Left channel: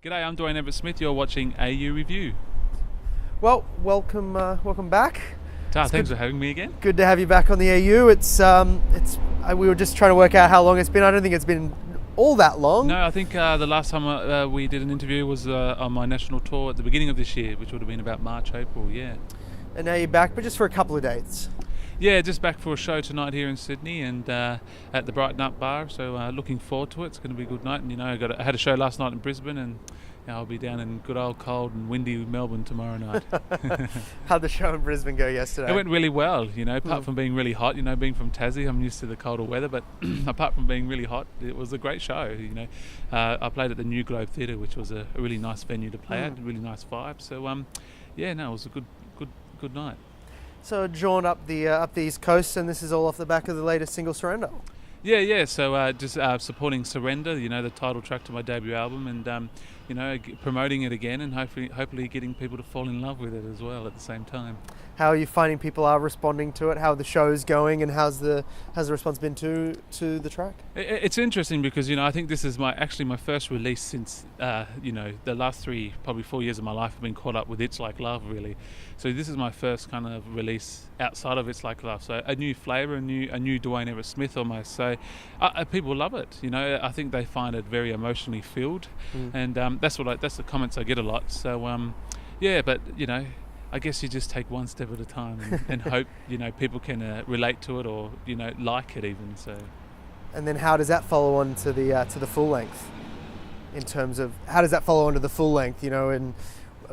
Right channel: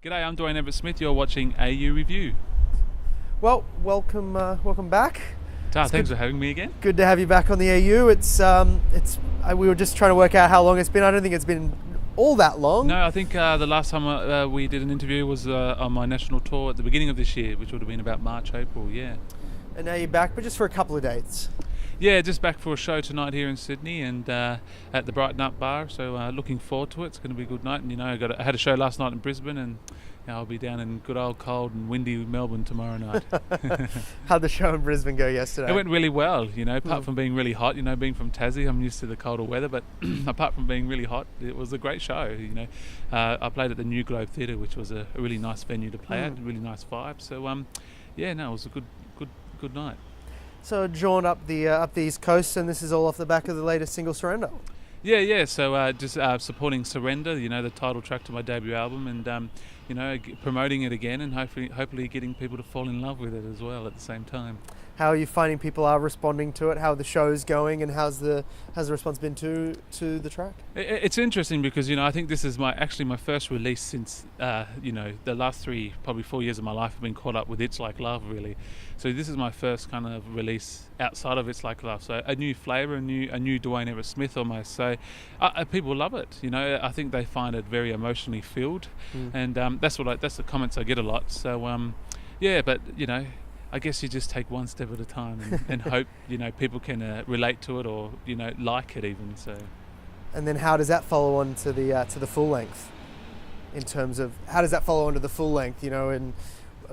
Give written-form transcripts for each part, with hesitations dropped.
G'day, I'm Dewayne Everettsmith. You're watching AU Review. Well, welcome back. Thanks for having me again. Good to have you back on the AU. We were just trying to work out how long it's been. I don't think it's been all that long. No, I think the last time we did an interview was on my national tour at the beginning of this year, which would have been about March, April, yeah. And now you're back, but just for a couple of dates. Yeah, just back for a show tonight here in Sydney and at the Brighten Up Bar, so looking forward to it. It's going to be a good night, and I had a show last night in Brisbane, and I'll be down in good old cold and windy Melbourne tomorrow night. How'd the show in Brisbane go yesterday? It went really well, apart from being really hot. Being from Tassie, I'm used to the colder weather, but apart from being really hot, it was a great show. I played at the New Globe Theatre, which was a really nice venue to play at, a really nice vibe. So, it was a good night. So a jaunt up the East Coast, and this is all off the back of the latest single, Surrender. Yeah. So just supporting Surrender, the title track to my debut album, and promoting it again, and hopefully getting people to fall in love with it as well at the same time. How are you finding people are responding to it? How are the shows going, and how's the response been to the track? It's interesting because I think this is my first release since the last probably 4 years of my life have been caught up with It's Like Love, really. So this is my first kind of release outside of It's Like Love. So a new flavour, a new Dewayne Everettsmith almost. So people love it. I think they find it very emotionally filled, and that's the comments I get a lot. So but I guess you just take one step at a time and hope people can relate to it or like it even. So. And then how does that follow on to the full length? In terms of how does that follow on to the full length? And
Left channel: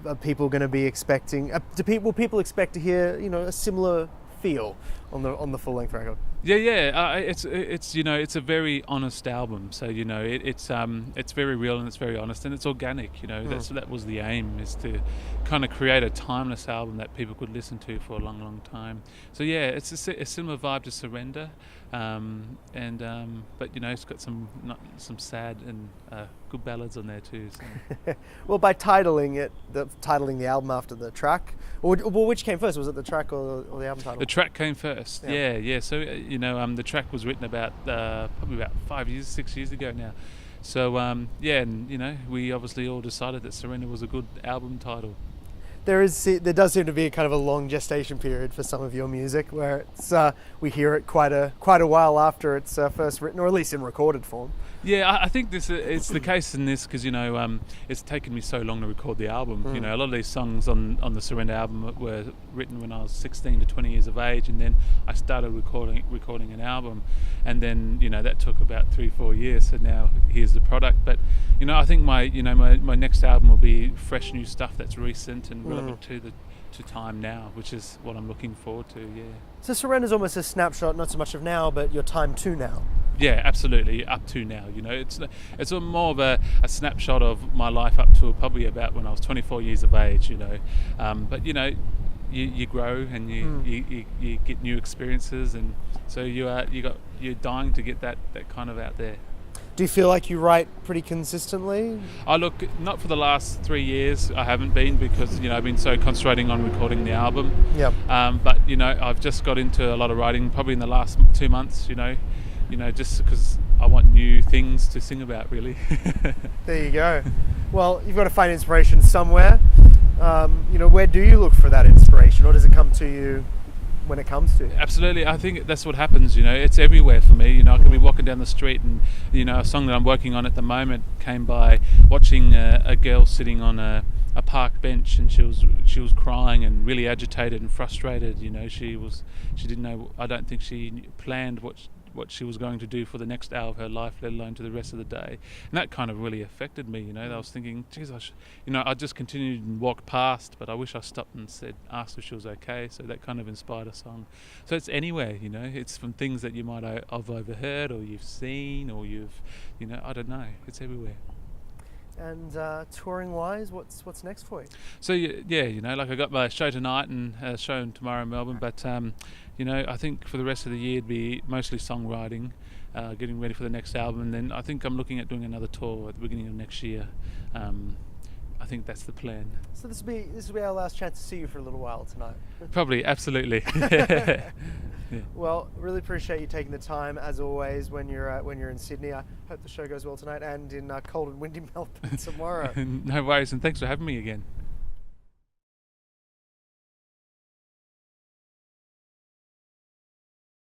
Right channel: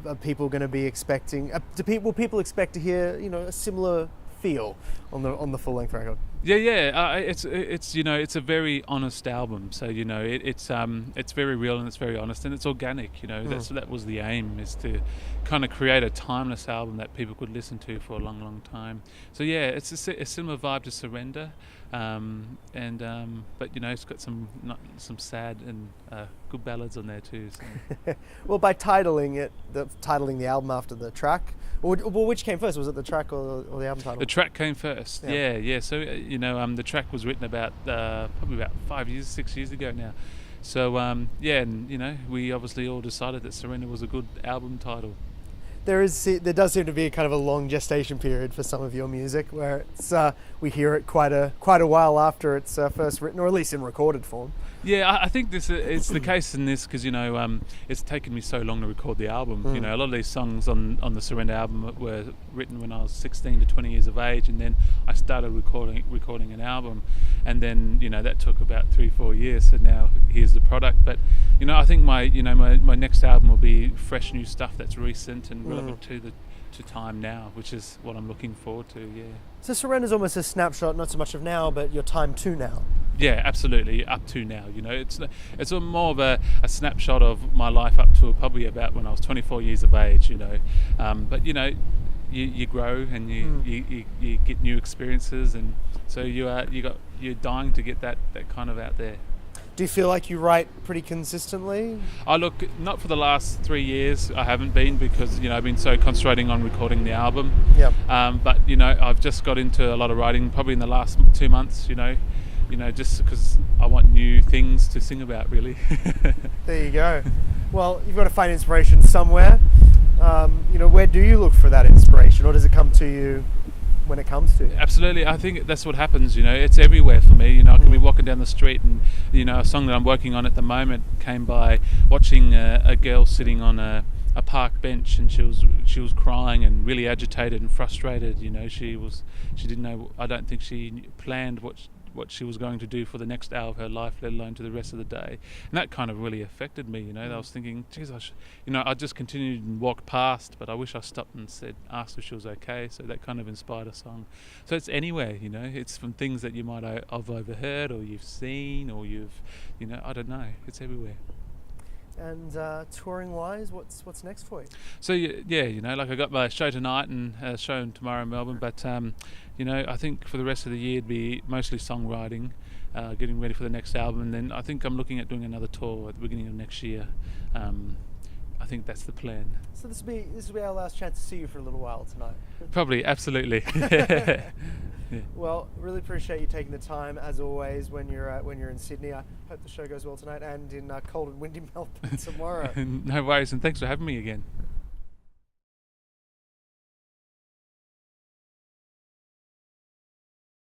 are people going to be expecting? Will people expect to hear a similar feel on the full length record? Yeah. It's a very honest album. So it's very real and it's very honest and it's organic. That was the aim, is to kind of create a timeless album that people could listen to for a long, long time. So yeah, it's a similar vibe to Surrender, but it's got some sad and good ballads on there too. So. Well, by titling the album after the track, or which came first? Was it the track or the album title? The track came first. Yeah. So the track was written about probably about 6 years ago now. So we obviously all decided that Surrender was a good album title. There does seem to be a kind of a long gestation period for some of your music, where we hear it quite a while after it's first written, or at least in recorded form. Yeah, I think it's the case in this because it's taken me so long to record the album. A lot of these songs on the Surrender album were written when I was 16 to 20 years of age, and then I started recording an album, and then that took about 3-4 years. So now here's the product. But I think my next album will be fresh new stuff that's recent and relevant to time now, which is what I'm looking forward to. Yeah. So Surrender's almost a snapshot, not so much of now, but your time to now. Yeah, absolutely. Up to now, it's more of a snapshot of my life up to probably about when I was 24 years of age. But you grow and you get new experiences, and so you're dying to get that kind of out there. Do you feel like you write pretty consistently? Look, not for the last 3 years. I haven't been because I've been so concentrating on recording the album. Yep. But I've just got into a lot of writing probably in the last 2 months. Just because I want new things to sing about, really. There you go. Well, you've got to find inspiration somewhere. Where do you look for that inspiration, or does it come to you when it comes to you? Absolutely. I think that's what happens. It's everywhere for me. I can be walking down the street and a song that I'm working on at the moment came by watching a girl sitting on a park bench, and she was crying and really agitated and frustrated. She didn't know. I don't think she planned what she was going to do for the next hour of her life, let alone to the rest of the day. And that kind of really affected me. I was thinking, geez, I just continued and walked past, but I wish I stopped and asked if she was okay. So that kind of inspired a song. So it's anywhere, it's from things that you might have overheard or you've seen or I don't know. It's everywhere. And touring wise, what's next for you? So I got my show tonight and a show tomorrow in Melbourne, but I think for the rest of the year it'd be mostly songwriting, getting ready for the next album, and then I think I'm looking at doing another tour at the beginning of next year. I I think that's the plan. So this will be our last chance to see you for a little while tonight. Probably, absolutely. Yeah. Well, really appreciate you taking the time as always when you're in Sydney. I hope the show goes well tonight and in cold and windy Melbourne tomorrow. No worries, and thanks for having me again.